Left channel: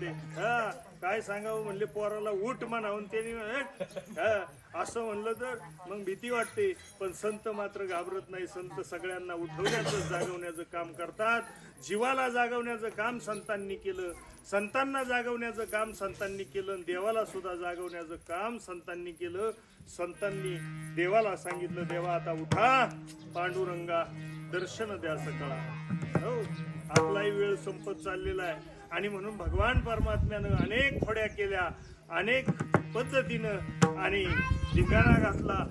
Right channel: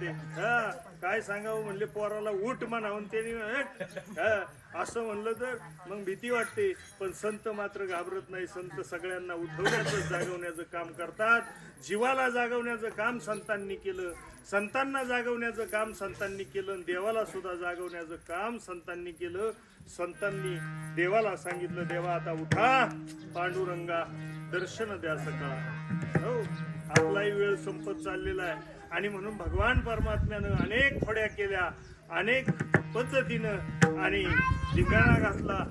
ते. वाटते हा काय सांगावं म्हणले पोराला उठ म्हणावून त्यांनी हा, असं म्हणलं तर मग भीती वाटते. पण संत मात्र घाबरत नाही. संत सगळ्यांना उठवण्याचं जागवण्याचं काम करतात. जीवाला जागवण्याचं काम संतांनी केलं. संतांना जागवण्याचं काम संतांनी केलं देवाला सुद्धा जागवण्याचं काम संतांनी केलं. संतांनी देवाला सांगितलं देवा आता उठा पांडुरंगा दर्शन द्या सकाळ. हो आपलाही वेळ संपत चाललेला आहे. आणि म्हणून भगवान परमात्म्यानं अनेक खोड्या केल्या अनेक पद्धतीनं आणि धिंगाणा घातला.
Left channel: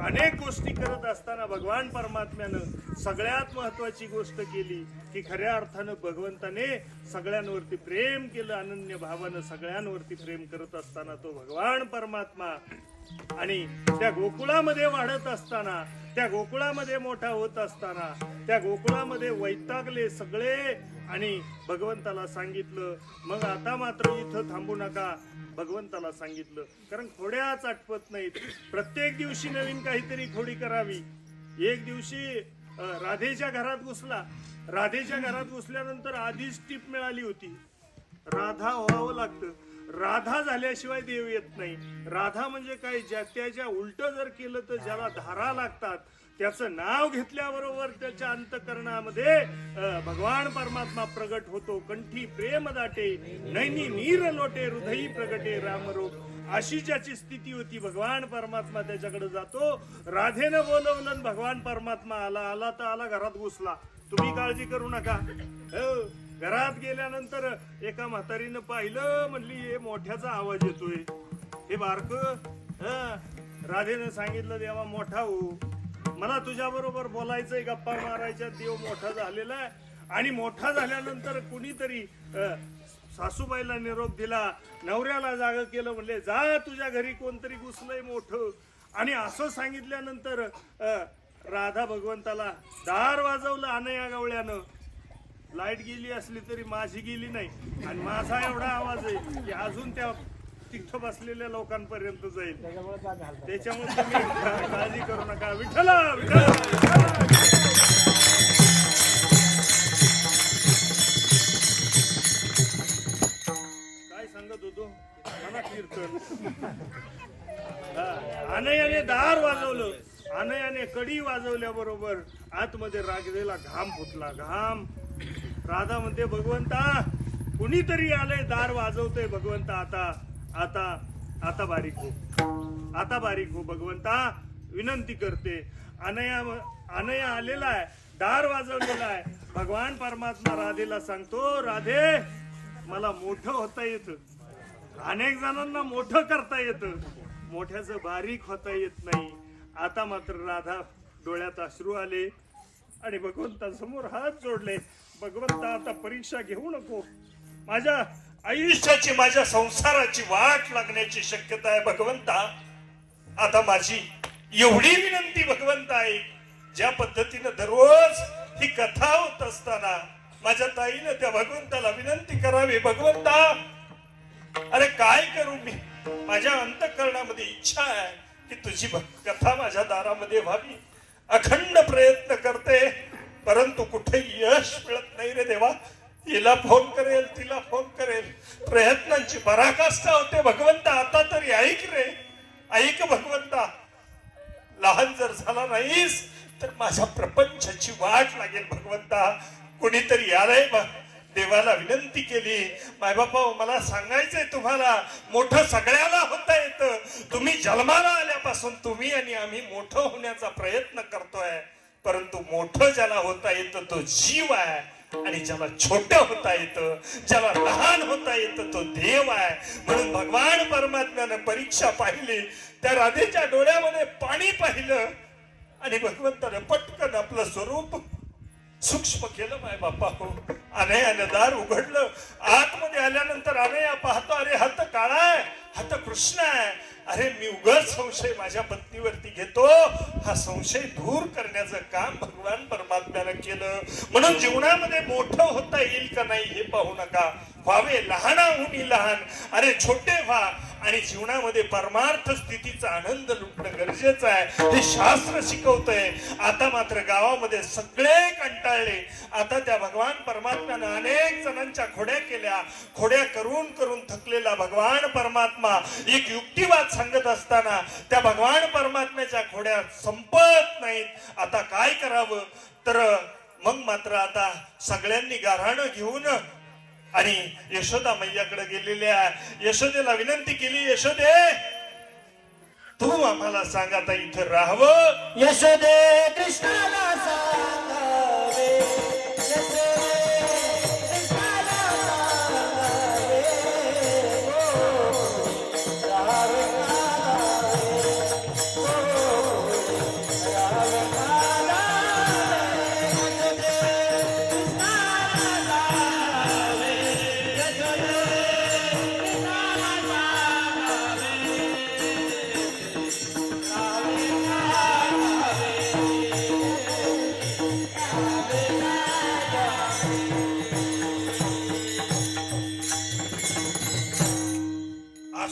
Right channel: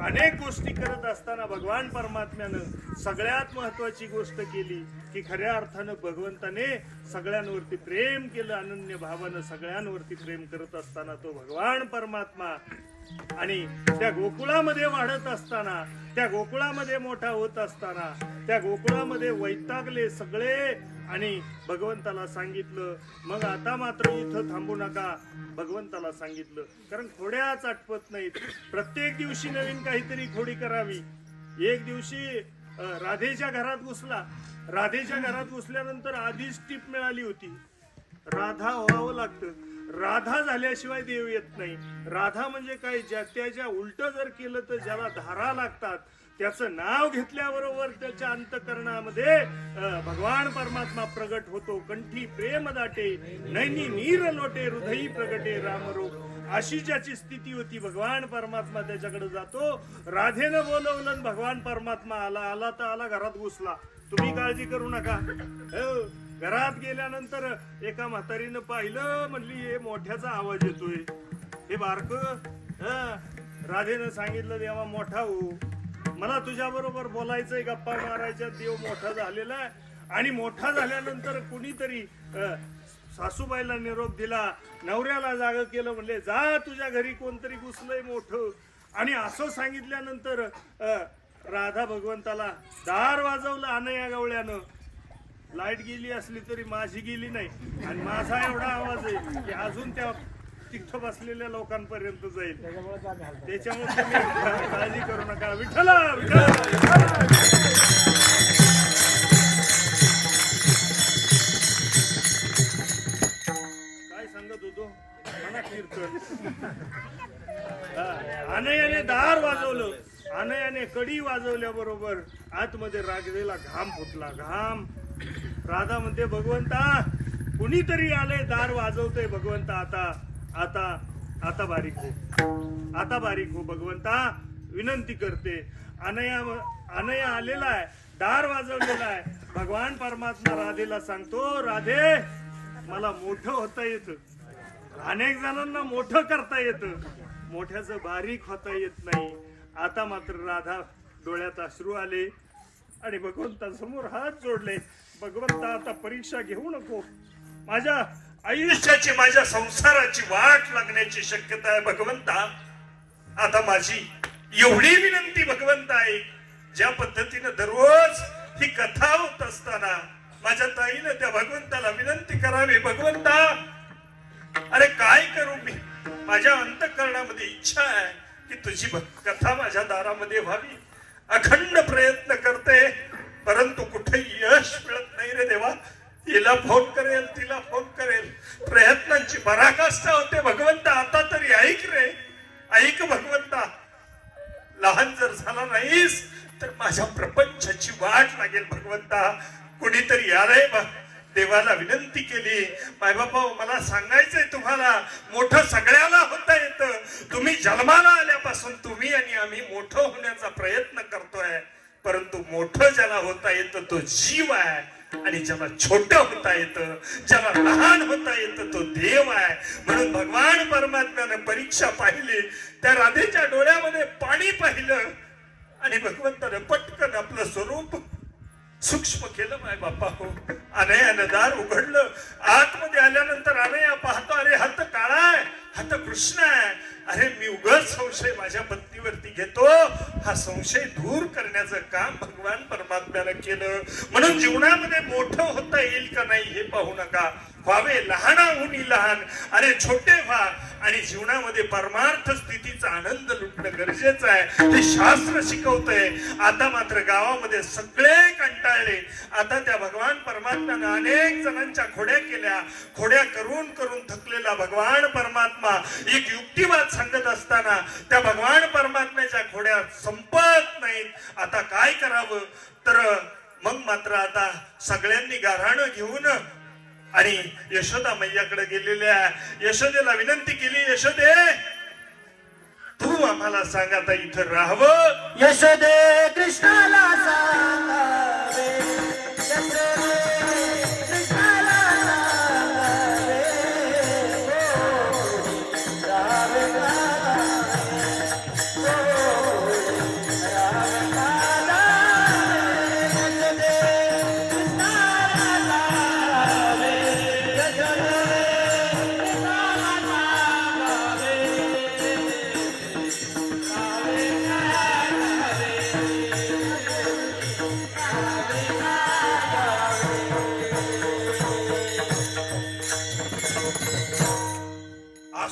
अनेक गोष्टी करत असताना भगवान परमात्म्यानं सगळ्यात महत्वाची गोष्ट केली की खऱ्या अर्थानं भगवंताने सगळ्यांवरती प्रेम केलं अनन्य भावानं सगळ्यांवरती प्रेम करत असताना तो भगवान परमात्मा आणि त्या गोकुळामध्ये वाढत असताना त्या गोकुळामध्ये मोठा होत असताना त्या गोकुळामध्ये वैतागले सगळे आणि भगवंताला सांगितलं मग आता मात्र इथं थांबू नका भगवंताला सांगितलं. कारण खोड्याच आटपत नाहीत. प्रत्येक दिवशी नवीन काहीतरी खोडी करावी. एक दिवशी राधेच्या घरात घुसला. राधेच्या घरात घुसल्यानंतर आधीच टीप मिळाली होती. राधा व्हावं लागतं. राधा झाल्याशिवाय देव येत नाही. राधा म्हणजे काय? ज्या त्याच्या उलट जर केलं तर ज्याला धारा लागतात त्याचं नाव घेतल्याबरोबर त्याच्या अंतकरणामध्ये भगवान परमात्मा प्रगट होतो. कंठी प्रेम दाटे नैनी नीर लोटे हृदयी प्रगटे रामरूप अशी ज्याची स्थिती होती भगवान परमात्मा त्याच्याकडे जातो. राधेनं बोलवलं आणि भगवान परमात्मा आला. आला तर आला घरात घुसला. तुम्ही काळजी करू नका. हो. घरात गेल्यानंतर एका म्हातारीनं पाहिलं म्हणली हे मोठ्याचा आवाज येतोय. हे बारक. राधेनं सांगितलं देवा मोठा हो. मला तुझ्या बरोबर बोलायचंय गप्पा मारायच्या देव मोठा झालेला आहे. आणि मोठा झाल्यानंतर कुणीतरी सासूबाईला निरोप दिला नवऱ्याला जाग केलं म्हणले जा तुझ्या घरी कोणतरी घुसलंय मोठं. आणि असं सांगितल्यानंतर राधा भगवंताला दार वाजवलं अनया गवळ्यानं. लाइट गेली असली तरी माझी गेली नाही. आणि माझा एवढा आवाज आहे की अजून त्या तिथं बसलेल्या लोकांपर्यंत जाईल. त्याच्यामुळे तुम्ही काळजी करू नका. विठ्ठला विठ्ठला काय सांगत होतो? म्हणा कीर्तन. अनयाने दार वाजवलं. अनयाने कडी वाजवल्या बरोबर आतमध्ये रागलेला घाम फुटला. घाम राधा म्हणते भगवंता कुणीतरी आलंय दार वाजवतोय भगवंता आता आता आता बारीक हो. आता बारीक हो भगवंता विनंती करते. अनया अनया आलेला आहे दार वाजवलेला आहे. भगवान परमात्मा राधेला सांगतो राधे मला मोठं होता येतं. अनेक जणांना मोठं करता येतं. मोठ्याचं बारीक होता येत नाही. आता मात्र राधा डोळ्यात अश्रू आले आणि भगवंता समोर हात जोडले. भगवंता आता परीक्षा घेऊ नको. माझ्या आयुष्याची माझ्या संसाराची वाट लागण्याची शक्यता आहे भगवंता. आता माझी एवढी विनंती भगवंत आहे ज्या पद्धतीनं दररोज ही कथा होत असताना माझ्या ताईनं त्या भगवंताला विनंती करावी भगवंता. अरे काय करू मी? माझ्या अंतकरणामध्ये इच्छा आहे की तुझी कथा माझ्या दारामध्ये व्हावी. अखंड प्रयत्न करते. परंतु कुठे यश मिळत नाही रे देवा. हिला फोन करेल तिला फोन करेल. प्रयत्नांची पराकाष्ठा होते. भगवंता आता तरी ऐक रे. ऐक भगवंता. लहान जर झाला नाहीस तर माझ्या प्रपंचाची वाट लागेल भगवंता. कुणीतरी आलंय बघ. देवाला विनंती केली. माय बाबा मला सांगायचंय तुम्हाला मोठं सगळ्याला होता येतं. तुम्ही जन्माला आल्यापासून तुम्ही आणि आम्ही मोठं होण्याचा प्रयत्न करतोय. परंतु मोठं ज्याला होता येतं तो जीव आहे. आणि ज्याला छोट होता येतं ज्याला लहान होता येतं तो देव आहे. म्हणून भगवान परमात्म्यानं परीक्षा पाहिली. त्या राधेच्या डोळ्यामध्ये पाणी पाहिलं. आणि भगवंतानं पटकन आपलं स्वरूप सूक्ष्म केलं माय बापा. हो अनयानं दार उघडलं. आतमध्ये आल्यानंतर अनया पाहतो अरे हात काळा आहे. हात कृष्ण आहे. अरे मी उगाच संशय माझ्या पत्नीवरती घेतो. हा संशय दूर करण्याचं काम भगवान परमात्म्यानं केलं. म्हणून जीवनामध्ये मोठं होता येईल का नाही हे पाहू नका. व्हावे लहानाहुनी लहान. अरे छोटे व्हा. आणि जीवनामध्ये परमार्थ स्थितीचा आनंद लुटणं गरजेचं आहे. ते शास्त्र शिकवतंय. आता मात्र गावामध्ये सगळे कंटाळले. आता त्या भगवान परमात्म्यानं अनेक जणांच्या खोड्या केल्या. खोड्या करून करून थकलेला भगवान परमात्मा एक युक्तिवाद सांगत असताना त्या भगवान परमात्म्याच्या खोड्या संपत नाहीत. आता काय करावं? तर मग मात्र आता सगळ्यांनी गाऱ्हाणं घेऊन आणि यशोदा मैयाकडे गेलेल्या यशोदेला विनंती केली यशोदे तू आम्हाला सांग आता इथं राहावं. यशोदे कृष्णाला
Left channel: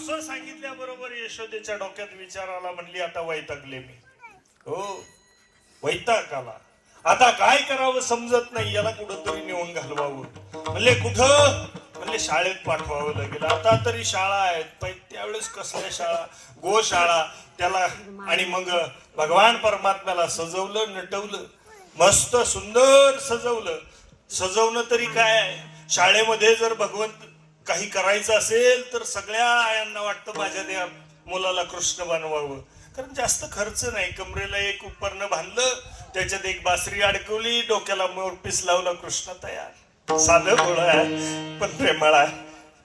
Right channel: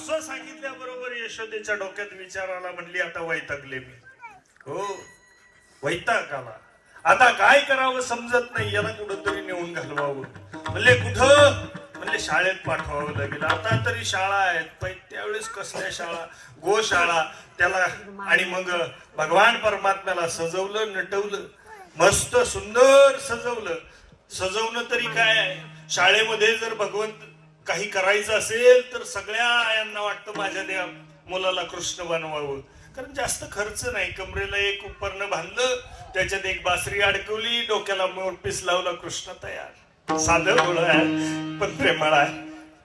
असं सांगितल्याबरोबर यशोदेच्या डोक्यात विचाराला म्हणली आता वैतागले मी. हो वैताग आला आता काय करावं समजत नाही याला कुठंतरी नेऊन घालवावं. म्हणले कुठं? म्हणले शाळेत पाठवावं लागेल. आता तरी शाळा आहेत पण त्यावेळेस कसल्या शाळा? गोशाळा. त्याला आणि मग भगवान परमात्म्याला सजवलं नटवलं. मस्त सुंदर सजवलं. सजवणं तरी काय? शाळेमध्ये जर भगवंत काही करायचं असेल तर सगळ्या आयांना वाटतं माझ्या त्या मुलाला कृष्ण बनवावं. कारण जास्त खर्च नाही. कमरेला एक उपकरण बांधलं त्याच्यात एक बासरी अडकवली डोक्याला मोरपीस लावला कृष्ण तयार. साधं आहे पण प्रेमळ आहे.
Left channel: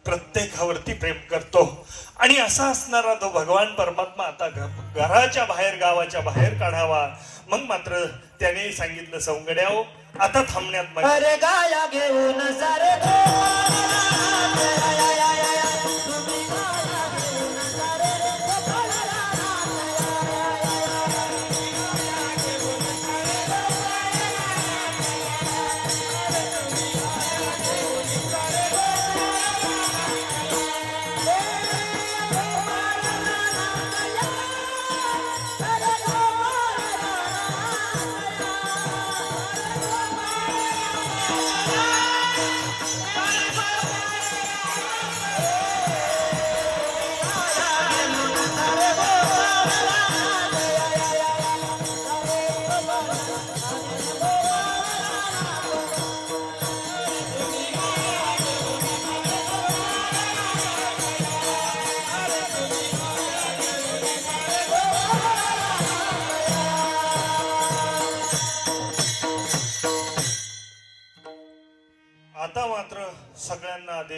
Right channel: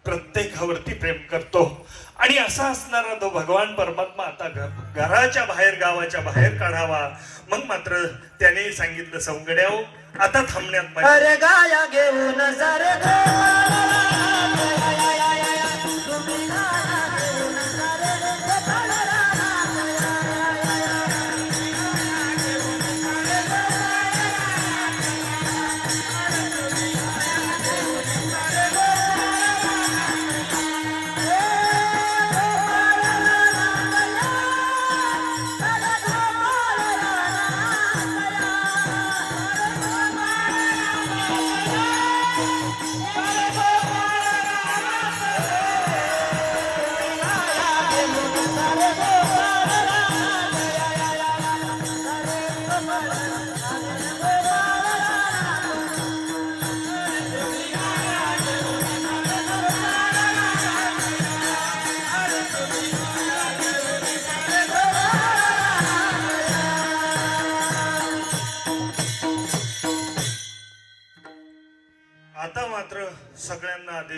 प्रत्येकावरती प्रेम करतो. आणि असा असणारा तो भगवान परमात्मा आता घराच्या बाहेर गावाच्या बाहेर काढावा. मग मात्र त्याने सांगितलं सौंगड्या आता थांबण्यात माझी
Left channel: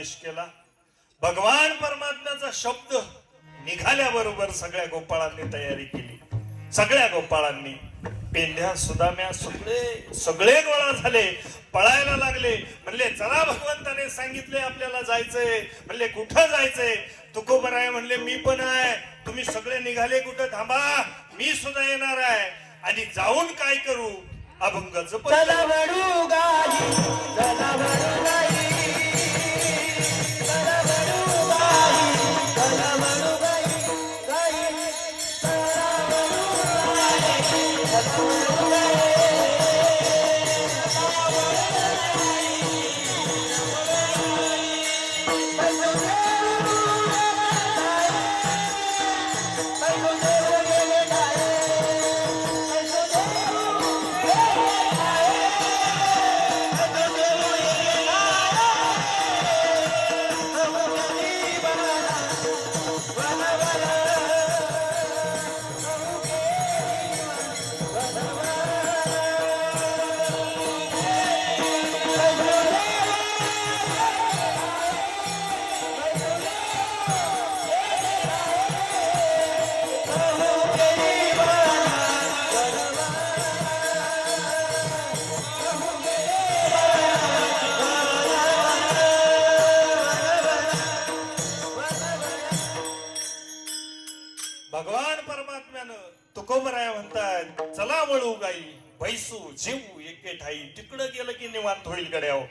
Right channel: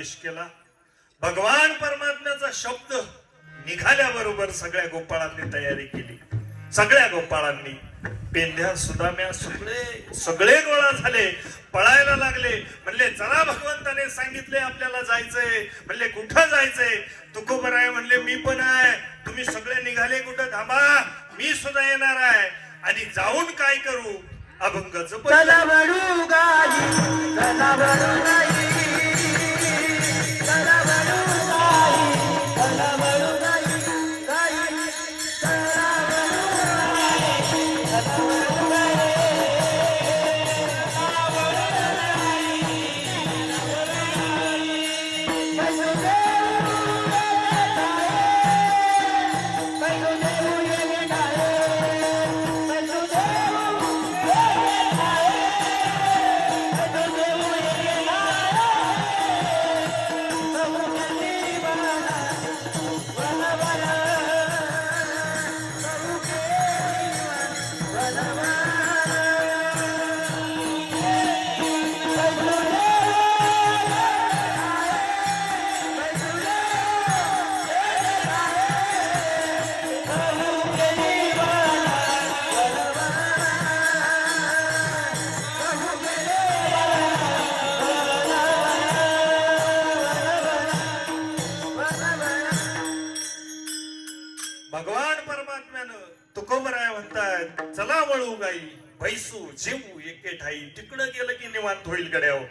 आदेश केला. भगवान परमात्म्याचा शब्द निघाल्याबरोबर सगळ्या गोपाळांनी तयारी केली. सगळ्या गोपाळांनी पेंढ्या सुदाम्या सगळे सगळे गोळा झाले. पळायला लागले. म्हणले चला भगवंताने सांगितले आपल्याला जायचंय. म्हणले कुठं जायचंय? तुकोबराय म्हणले मी पण आहे. तुम्ही सगळे निघाले कुठं? थांबा. मी सुद्धा येणार आहे. आणि जाऊन काय करू? अभंग जप जेवू ठाई तिकडं गेलं की निवांत होईल गड्याव हो.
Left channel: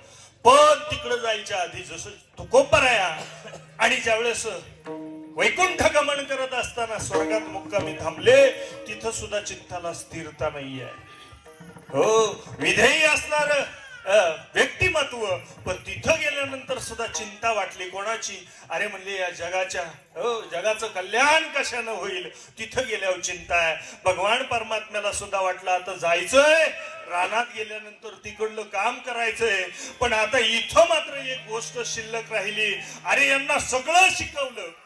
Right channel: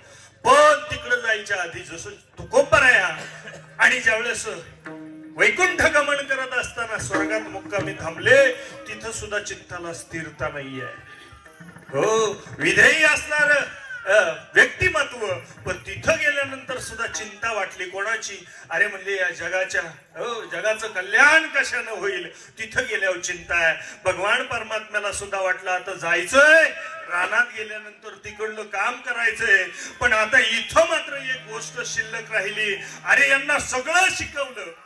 पण तिकडं जायच्या आधी जसं तुकोबराया आणि ज्यावेळेस वैकुंठ गमन करत असताना स्वर्गात मुक्कामी थांबले तिथं सुद्धा चित्ताला स्थिरता नाहीये. हो विधेयी असणार व्यक्तिमत्व. पण तिथं गेल्यानंतर सुद्धा चिंता वाटली कोणाची? अरे म्हणले या जगाच्या हो जगाचं कल्याण कशानं होईल? तिथं गेल्यावर चिंता आहे. भगवान परमात्म्याला सुद्धा वाटलं आता जायचंय. रानात गेल्यानंतर तिकडलं काम करायचंय. पण आता इथं मात्र एक गोष्ट शिल्लक राहिली. अरे यांना सगळं शिकवलं.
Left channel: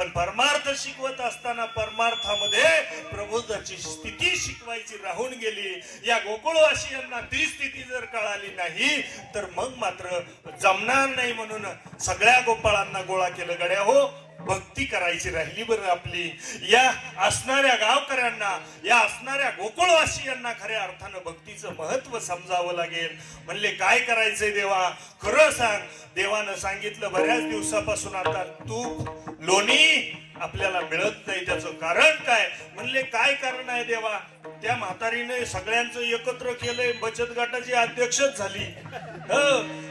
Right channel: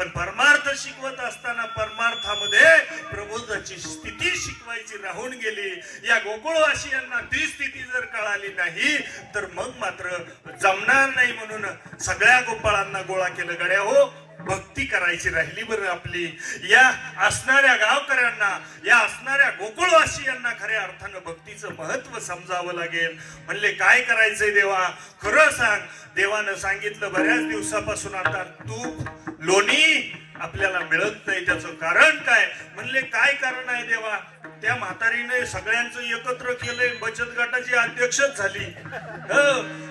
पण परमार्थ शिकवत असताना परमार्थामध्ये प्रबोधाची स्थिती शिकवायची राहून गेली. या गोकुळवासियांना ती स्थिती जर कळाली नाही तर मग मात्र जमणार नाही म्हणून सगळ्या गोपाळांना गोळा केलं. गड्या हो भक्ती करायची राहिली बरं आपली. या असणाऱ्या गावकऱ्यांना या असणाऱ्या गोकुळवासियांना खऱ्या अर्थानं भक्तीचं महत्त्व समजावं लागेल. म्हणले काय करायचंय देवा? खरं सांग. देवानं सांगितलं बऱ्याच दिवसापासून आता तूप लोणी आपल्याला मिळत नाही त्याचं कारण काय? म्हणले काय कारण आहे देवा? त्या म्हातारीने सगळ्यांचं एकत्र केलंय बचत गटाची अध्यक्षच झाली.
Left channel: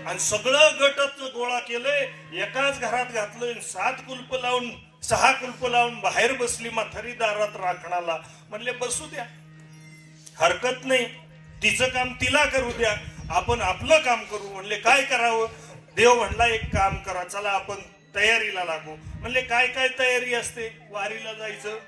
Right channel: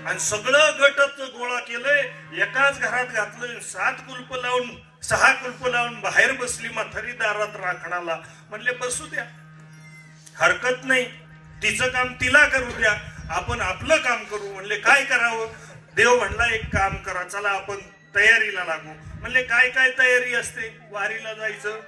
आणि सगळं गटच गोळा केलंय एकाच घरात घातलंय सात कुल्प लावून सहा कुल्प लावून बाहेर बसली म्हातारी दारात राखणाला. म्हणले बसू द्या. हरकत नाही. तिचं काम तिला करू द्या. आपण आपलं काम करू. म्हणले काय करावं? देव म्हणला एक काम करा. चला आपण तयारीला लागू. म्हणले काय काय तयारी असते? वारीला जायचं?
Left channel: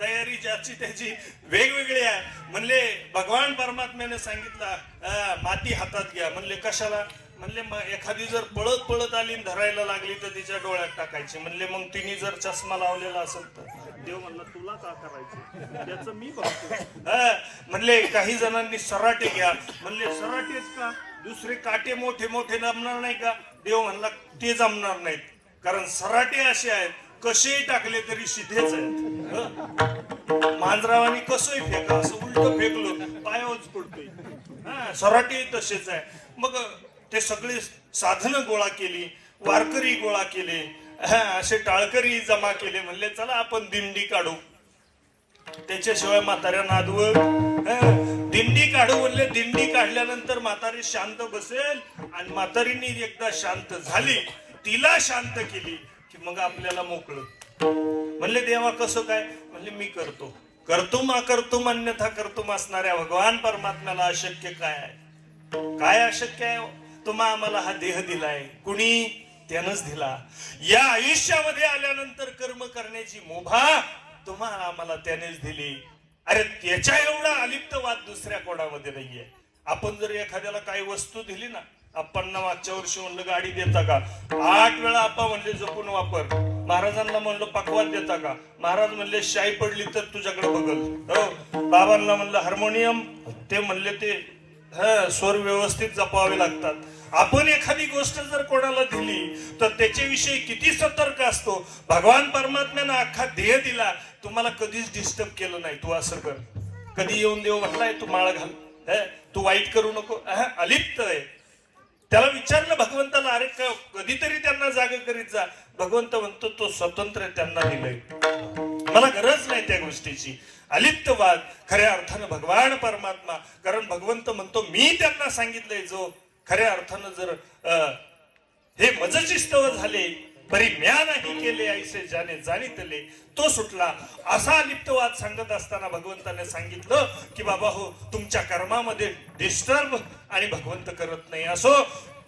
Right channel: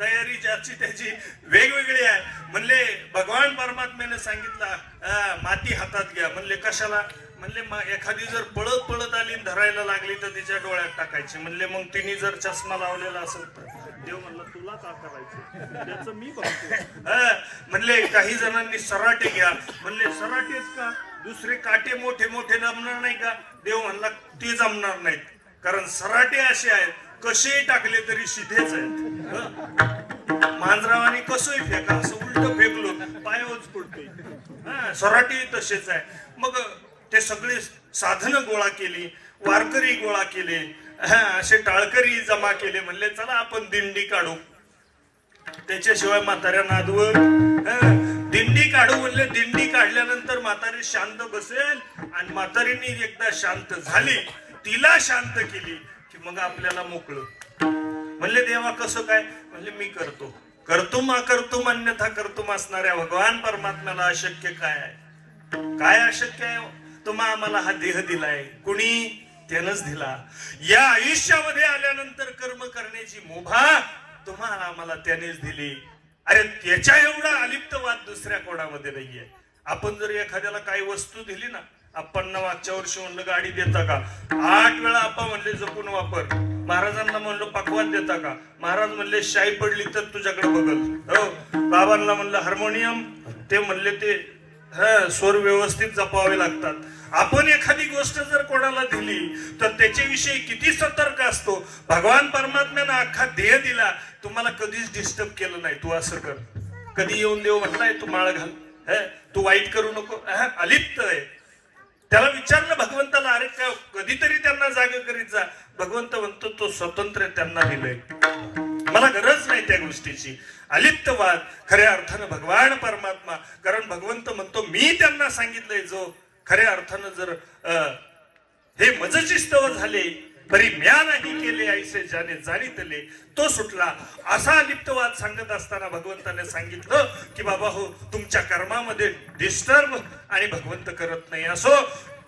तयारी ज्याची त्याची वेगवेगळी आहे. म्हणले भगवान परमात्म्याने सांगितलं अं, माती हातात घ्या. म्हणले कशाला? म्हणले "म- एखादी जर पळत पळत आली धरायला लागली तर तिच्या डोळ्यात टाकायची. म्हणले मग तिने जर चष्मा लावलेला असेल तर? देव म्हणला तुला का करायचं? त्याचं मी बघतो. म्हणले काही जणांनी सराटे घ्या. म्हणले सराटेच का? दुसरे काटे मोठे मोठे जमणार नाही का? देव म्हणला ते जमणार नाहीत. कारण सराटे असे आहेत कसेही टाकले तरी सिधेच आहेत. हं. मांजरावानी कसंही फेका असं उलट फेकलो पायावच पडतोय. हा सराटे तसेच आहे. मग ते सगळे साधनं गोळा केली वारकरी गोळा केले हा असे टाळकरी जमा केले म्हणले चला आपण दिंडी काढू. त्याच्याशिवाय म्हाताऱ्या नादवर दिंडी काढू म्हणले दिंडी काढल्यानंतर म्हातारी शांत बसेल आणि म्हातारीनी एकदा शांत झाली. तिला शांत केली की मग आपल्याला मोकळं. म्हणले देवा कसं काय? म्हणले मी करतो. करतो मा करतो अन्यथा करतो असणाऱ्या भगवान परमात्म्याला अशक्य काय आहे? काय अशक्य आहे हो? तुम्हा आम्हाला हा देह दिलाय. कुणी? त्यानंच दिला. या आयुष्यामध्ये आल्यानंतर कर्म करण्याची मुभा तुम्हाला आम्हाला त्यानेच दिली. अरे त्याच्या एवढा अलिप्तवाद दुसऱ्या कोणामध्ये नाहीये. आपण जर एखाद्याला काही वस्तू दिली ना आपण मागच्या वर्षी म्हणलं गाडी देता का? आठ वेळा आपण म्हणले जपून वापर. महाराजांना म्हणलं पकवान देता का? महाराज म्हणले शाई पडली तर तुझ्याकडे बघल. हो बाबांना म्हणलं हार्मोनियम ते म्हणले ते हा स्वर व्यवस्थित जपावे लागतात. आपण एखादी गोष्ट जर कोणाला दिली तर त्याच्याविषयी किती सतर्क असतो? भगवान परमात्म्यानं अख्खा देह दिला तुम्हाला कधीच डिस्टर्ब केलं नाही तू असं कर. कधी येऊन देव म्हटलाय तू माळ घाल. तू वाईट करू नको. अलिप्त आहे. त्याला विचारलं भगवंताला अरे का कधीतरी त्यांना जाग करीत जा. भगवंत म्हणतो तो स्वतंत्र त्यांना दिलंय. मला गरज नाही त्या गोष्टीची. अलिप्तवाद खऱ्या अर्थानं भगवान परमात्मा. कारण भगवंत म्हणतो मी त्यांना सांगितलंय जो खऱ्या अर्थानं जर अं, हे मजशिस्तव झाले तरी म्या नाही केले ऐसे ज्याने जाणीतले तो सुटला. असा लिप्तवाद सांगत असताना भगवंताने सांगितलं की बाबा हो तुमच्या कर्मामध्ये डिस्टर्ब आणि भगवंत करत नाही. असो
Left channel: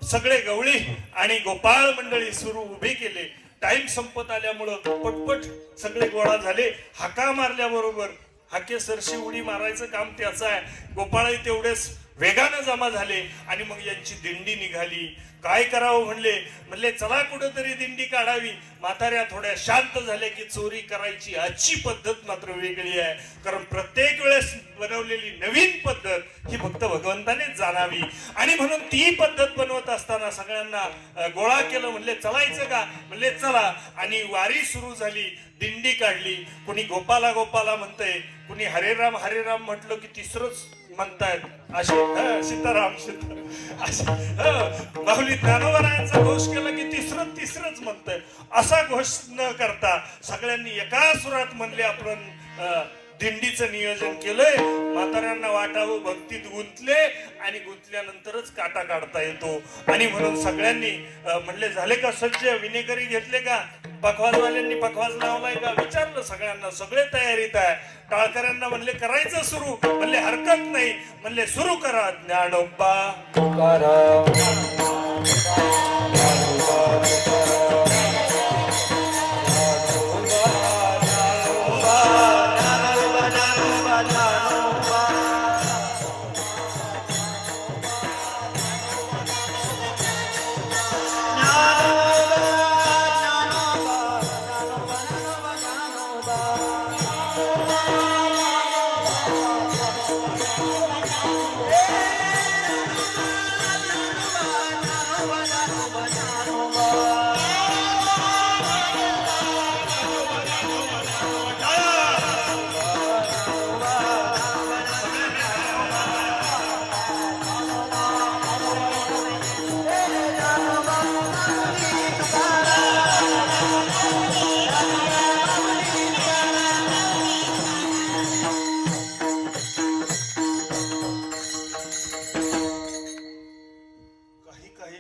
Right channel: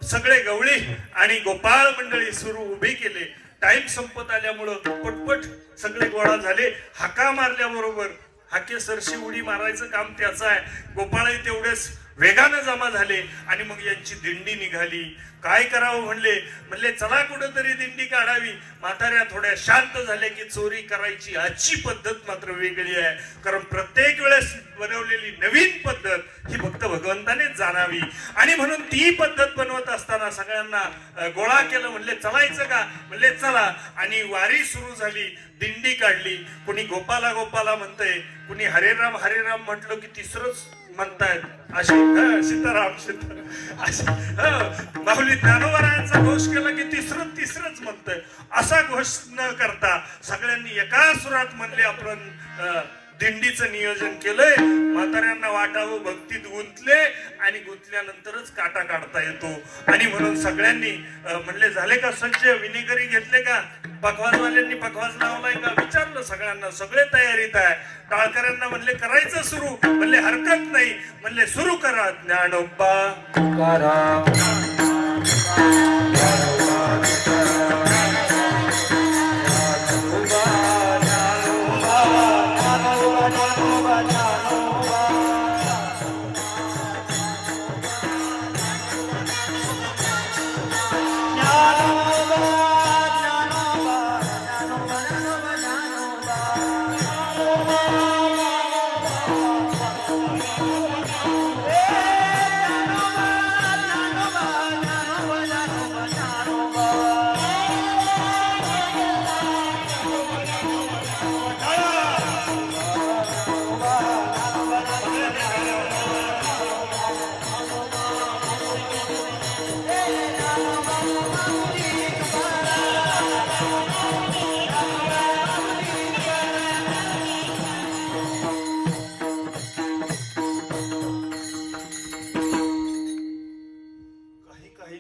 सगळे गवळी आणि गोपाळ मंडळी सुरू उभे केले. टाइम संपत आल्यामुळं पटपट सगळे गोळा झाले. हाका मारल्याबरोबर हाके सरशी उडी मारायचं काम त्याचं आहे. गोपाळही तेवढेच वेगानं जमा झाले आणि मग यांची दिंडी निघाली. काय करावं म्हणले? म्हणले चला कुठंतरी दिंडी काढावी. म्हाताऱ्या थोड्या शांत झाल्या की चोरी करायची आजची पद्धत मात्र वेगळी आहे. कारण प्रत्येक वेळेस बनवलेली नवीन पद्धत ही फक्त भगवंतानेच जाणावी. आणि म्हणून ती पद्धत बनवत असताना सगळ्यांना गोळा केलं. म्हणले चलायचं का? म्हणले चला. आणि वारी सुरू झाली. दिंडी काढली. कुणी गोपाला गोपाला म्हणतंय कुणी हरेराम हरेराम म्हटलं की तिसरंच म्हणतायत असे सीताराम सीताराम असे माऊली ज्ञानोबरायांचा घोष केला की तिसरं तिसरंच म्हणतंय. असा घोष न करता सगळ्यांनी एका सुरात म्हणले आपण अं, दिंडीचं नियोजन केलंय. म्हाताऱ्यांना वाटावं भक्तीत गुंतले आणि गुंतल्यानंतरच काटा काढता येतो. आणि म्हणून सगळ्यांनी म्हणले झाले का सज्ज? विनेकरी घेतले का? पखवाजवाल्यांनी पखवाज लावलाय का? विचारलं सगळ्यांना. सगळे तयारीत आहे. टाळकऱ्यांना म्हणले करायचं सुरू. म्हणले हरकत नाही. म्हणले सुरू करा ज्ञानोबा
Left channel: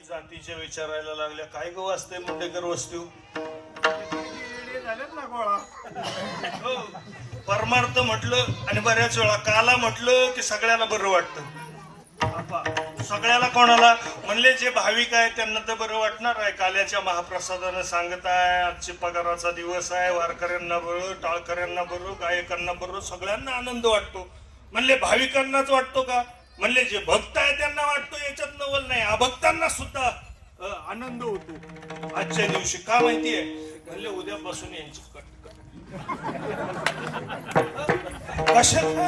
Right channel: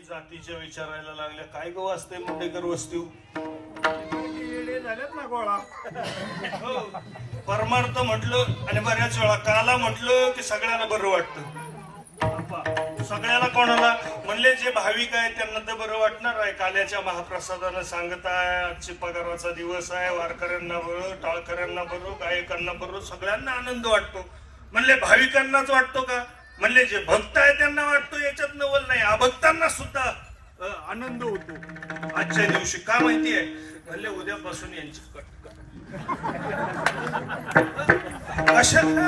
जातीच्या विचारायला लागल्या. काय गो वाचते मुंडेकर वस्तू? झालेत ना गोळा हो. परमार्थ म्हटलं आणि बऱ्याच वेळा काला म्हटलं की सगळ्यांना बरं वाटतं. सगळ्याला कोणाला? म्हणले जे भाविक आहे त्यांना तर बरं वाटणार आहे. काल्याच्या महाप्रसादानं सांगत आहे आजचे पगाराचा दिवस आहे वारकऱ्यांना बरं टाळकऱ्यांना बरं गायकांना बरं सगळ्यांना आनंद वाटतो. म्हणले भाविकांनाच वाटतो का? म्हणले जे भक्त आहे त्यांना वाटतो याच्यात नवल नाही. अभक्तांना सुद्धा आनंद होतो. आजच्या दिवशी का माहितीये म्हणले उद्यापासून यांची कट. कशाला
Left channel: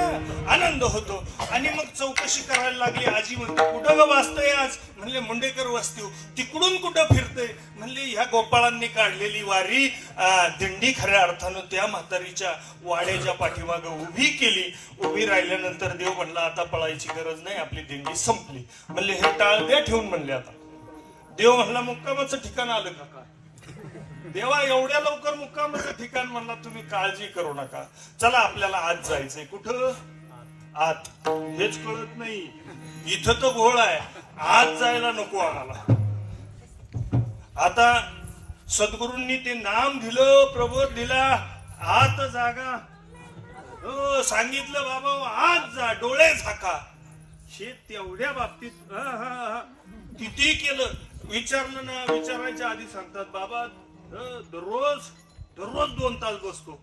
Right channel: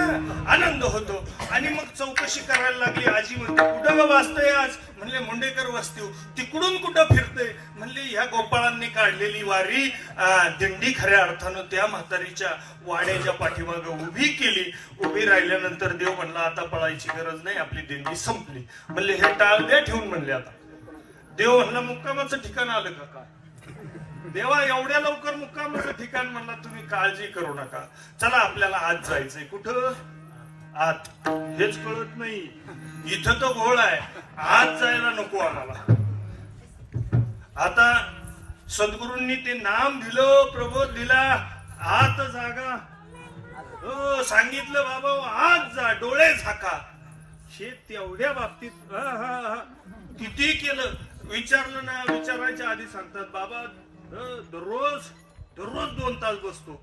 आनंद होतो? आणि मग चौकशी करायला लागली. आजी म्हणते कुठं ग आज? म्हणले मुंडेकर वस्ती हो. तिकडून कुठं फिरते म्हणले ह्या गोपाळांनी काढलेली वारी दिंडी खऱ्या अर्थानं त्या म्हातारीच्या वाड्याच्या पाठीमाग उभी केली. उभी राहिल्यानंतर देव म्हणला आता पळायची गरज नाही आपली दिंडी संपली. म्हणले हे टाळ द्या ठेवून म्हणले आता. देव म्हणला मुक्कामाचं ठिकाण आलं का काय? देवा एवढ्या लवकर मुक्कामाचं ठिकाण म्हणला तुम्ही काळजी करू नका. चला आपल्याला आज जायचंय. कुठं? आत. हेच कळत नाही. इथं तर घोळ आहे. आज जायला नको आम्हाला. आता सद्गुरूंनी ते नाम दिलं प्रबोध दिला. आत जागा. हो सांगितलं बाबा आज जा डोळे झाका. हे तेवढ्या बाबतीत हा, हा, हा. किती केलं? विचारलं ना विचारायच्या आधी सांगतात बाबा दररोज दररोज दोन तास बसतो.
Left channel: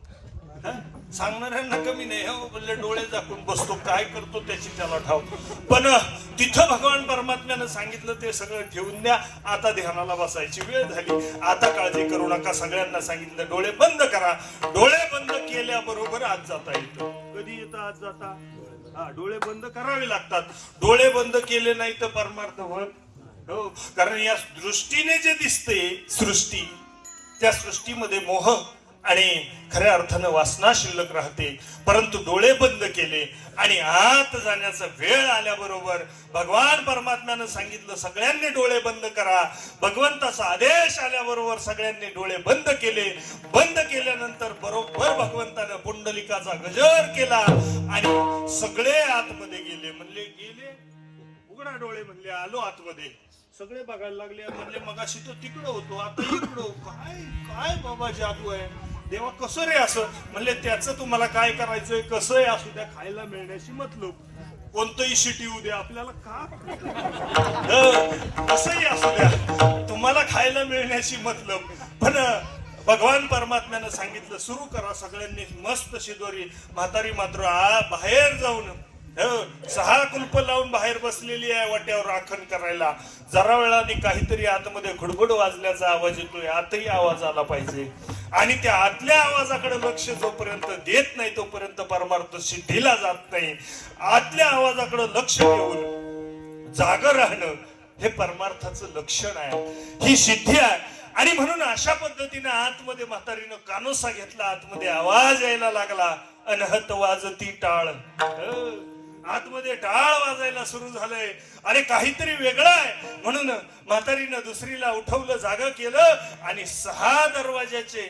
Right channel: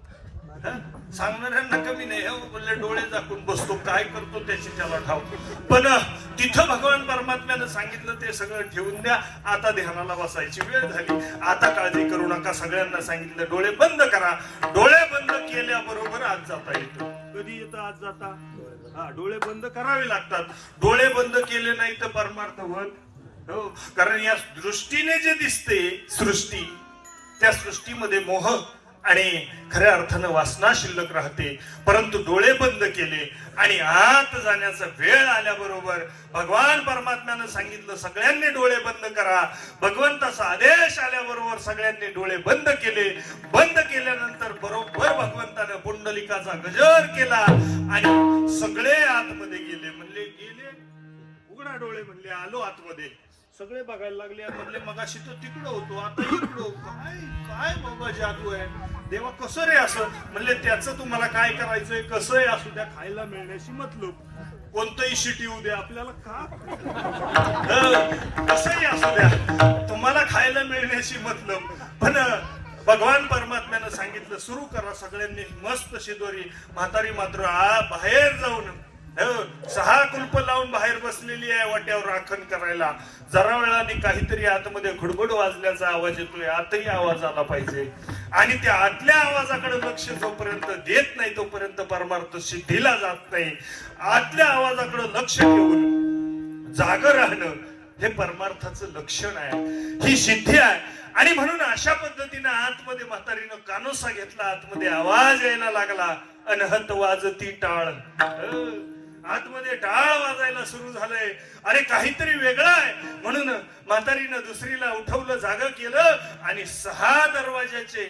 सांगणाऱ्यांना कमी नाही हो बोलले डोळे झाकून बसतो काय करतो त्याची त्याला ठाव पण तिथं भगवान परमात्म्यानं सांगितलं ते सगळं ठेवून द्या आता ध्यानाला बसायची वेळ झाली. आता काळजी करू नका सगळ्यांना सांगितलं डोळे बंद करा. डोळे बंद केल्याबरोबर आज जाता येतो. कधी येतं आज जाता? हा डोळे बंद करावे लागतात. डोळे बंद केले नाही तर परमार्थ होत हो कारण या दृष्टीने जे दिसते सृष्टी त्या सृष्टीमध्ये मोह आणि खऱ्या अर्थानं वासना शिल्लक राहते. परंतु डोळे बंद केले आणि आत जाण्याचा वेळ आल्याबरोबर भगवान परमात्म्यानं सांगितलं सगळ्यांनी डोळे बंद करा. भगवंताचा आदेश आल्याबरोबर सगळ्यांनी डोळे बंद केले. बंद केल्यानंतर बरोबर भगवंतानं पुंडलिकाचा गजर केला आणि सगळे आतमध्ये गेले. म्हणले गेले? उघडा डोळे. म्हणले आलो आतमध्ये. सगळे बघायला लागले म्हणले मगाशी तो तिकडं होतो आता इकडं काय काय बाबा जादू आहे? देवा कसं रे असं? म्हणले त्याचं तुम्हाला काय करायचंय? कसंही असू द्या खायला मिळण्याशी मतलब. कोणतंही शिटी येऊ द्या आपल्याला का? कसंही असू द्या तुम्हाला खायला मिळण्याशी मतलब. पण भगवान परमात्म्यानं सांगितलं सुरू करा सगळ्यांनी मस्त शिदोरी. म्हातारी मात्र आ बाहेर जाऊन. सहा कुलप लावून बाहेर बसलेली आहे वाट्यावर राखण करायला. जरा वेळाने काहीतरी आतमध्ये खुडबुड वाजल्याचा आवाज येतोय आतही आवाज आला पाहिजे. आणि त्या आतल्या आवाजाकडे लक्ष जोपर्यंत देत नाही तोपर्यंत परमार्थ सिद्धीला जात नाही. आतल्या आवाजाकडे लक्ष देऊन जाग राहणं हे परमार्थाचं लक्षण आहे. ही सिद्धी आहे. आणि म्हणून अशा पद्धतीनं आतमध्ये म्हातारीनं कानोसा घेतला आतमध्ये आवाज यायला लागला. अनहत वाजती टाळ. आतमध्ये टाळ वाजायला सुरू झालंय. अरे काहीतरी वेगळं आहे. म्हणून म्हातारीनं दुसरीला उठवलं जागा केलं आणि सहा दरवाजाचे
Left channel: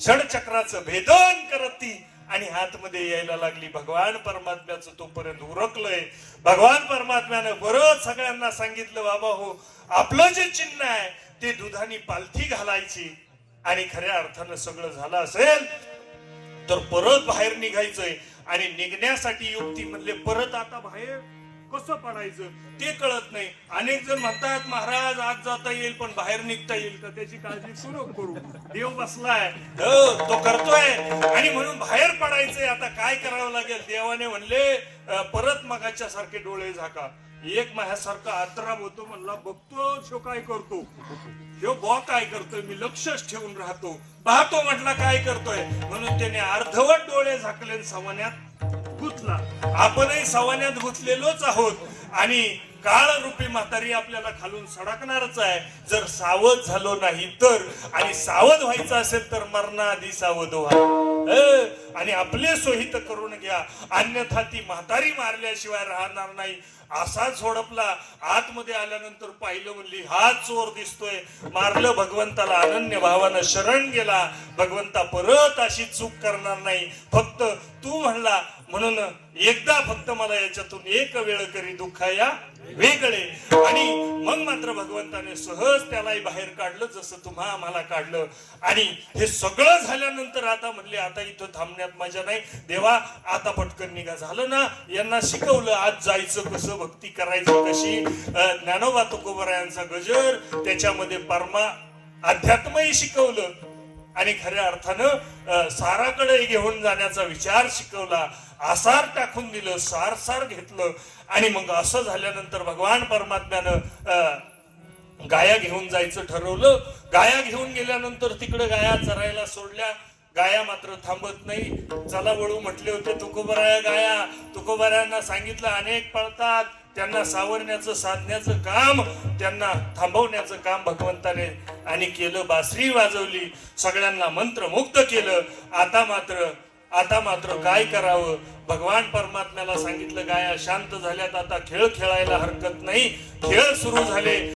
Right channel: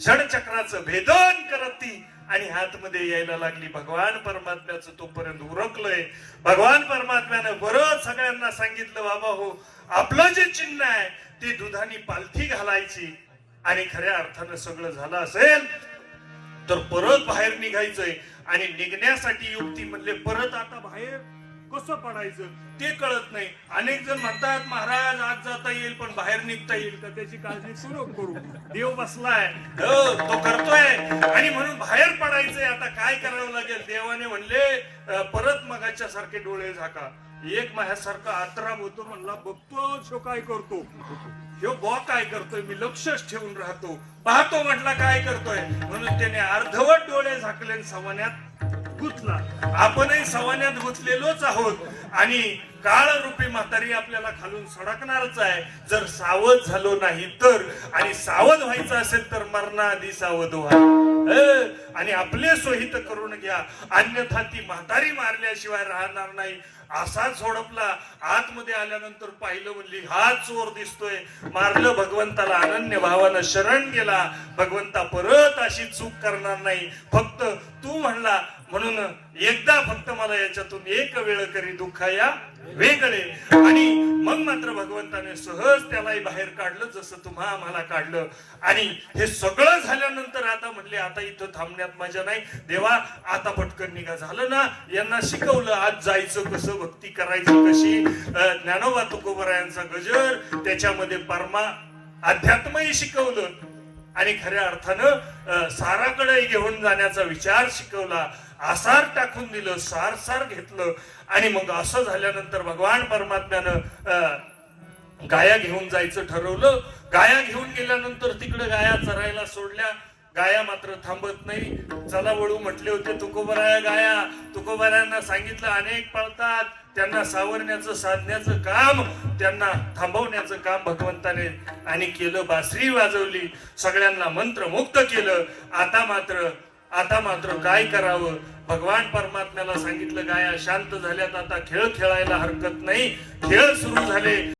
षडचक्राचं भेदन करत ती आणि आतमध्ये यायला लागली. भगवान परमात्म्याचं तोपर्यंत उरकलंय. भगवान परमात्म्यानं बरं सगळ्यांना सांगितलं बाबा हो आपलं जे चिन्ह आहे ते दुधानी पालथी घालायची. आणि खऱ्या अर्थानं सगळं झालं असेल तर परत बाहेर निघायचंय. आणि निघण्यासाठी युक्ती म्हणले परत आता बाहेर कसं पडायचं? ते कळत नाही. अनेक जण म्हणतात महाराज आज जाता येईल पण बाहेर निघता येईल. का त्याची काळजी सुरू करू. देव बसलाय. हो, तो करतोय. आणि म्हणून बाहेर पडायचंय. आता काय करावं लागेल? देवाने म्हणले परत मगाच्या सारखे डोळे झाका. एक माझ्यासारखा आत्राम होतो म्हणला बघतो शो काय करतो. ह्यो बॉ काय करतोय? मी लक्षच ठेवून राहतो. पाहतो म्हटला काय करतोय? म्हणून त्याने अर्धवट डोळे झाकले आणि सवान्यात गुतला. आपणही सवान्यात गुतलेलोच आहोत. आणि काळ रूपी म्हातारी आपल्याला खालून सडकणारच आहे. जर सावध झालो नाही तर आणि सावध व्हायचं असेल तर मरणाआधी सावध व्हा. आणि आपले सोहित करून घ्या. अन्यथा ती म्हातारी मारल्याशिवाय राहणार नाही. असा झोडपला आतमध्ये आल्यानंतर पाहिलं म्हणली हा चोर दिसतोय. मारलं भगवंताला अनन्य भावानं शरण गेला. भगवंता परत अशी चूक करणार नाही. फक्त तू म्हणला म्हणून एकदा फक्त मला याच्यातून एक वेळ करी दुःख या वेगळे. आणि मग मात्र भगवंताने सहज त्यालाही बाहेर काढलं जसं तुम्हा आम्हाला काढलं. आणि हे सगळं झाल्यानंतर आता म्हणले आता इथं थांबण्यात मजा नाही. देवा आता पटकन निघा. झालं ना यांना शिकवलं आज जायचं कसं भक्ती करायची कशी? ज्ञानोबा तुकोबरायांचा गजर त्याच्यामध्ये परमा अध्यात्मही शिकवलं. आणि खऱ्या अर्थानं साराकडे घेऊन जाण्याचा विचार शिकवला. आसार टाकून दिलं सारसार घेतलं. आणि मग असं झाल्यानंतर भगवान परमात्म्यानं अं, गाया घेऊन जायचं ठरवलं. गाया घेऊन गेल्यानंतर तिकडे गाया चरायला सोडल्या. गाया मात्र थांबत नाही. चला वळू म्हटले होते तुकोबराया गाया. तुकोबरायांना सांगितलं अनेक पळतात. त्यांना सावरण्याचं साधण्याचं काम त्यांना थांबवण्याचं काम भगवंताने आणि केलं. बासरी वाजवली. सगळ्यांना मंत्रमुग्ध केलं. आता मात्र आता मात्र काय करावं? भगवान परमात्म्याला सांगितलं गाया शांत झाल्यात आता खेळ खेळायला हरकत नाही. खेळ सुरू झाले.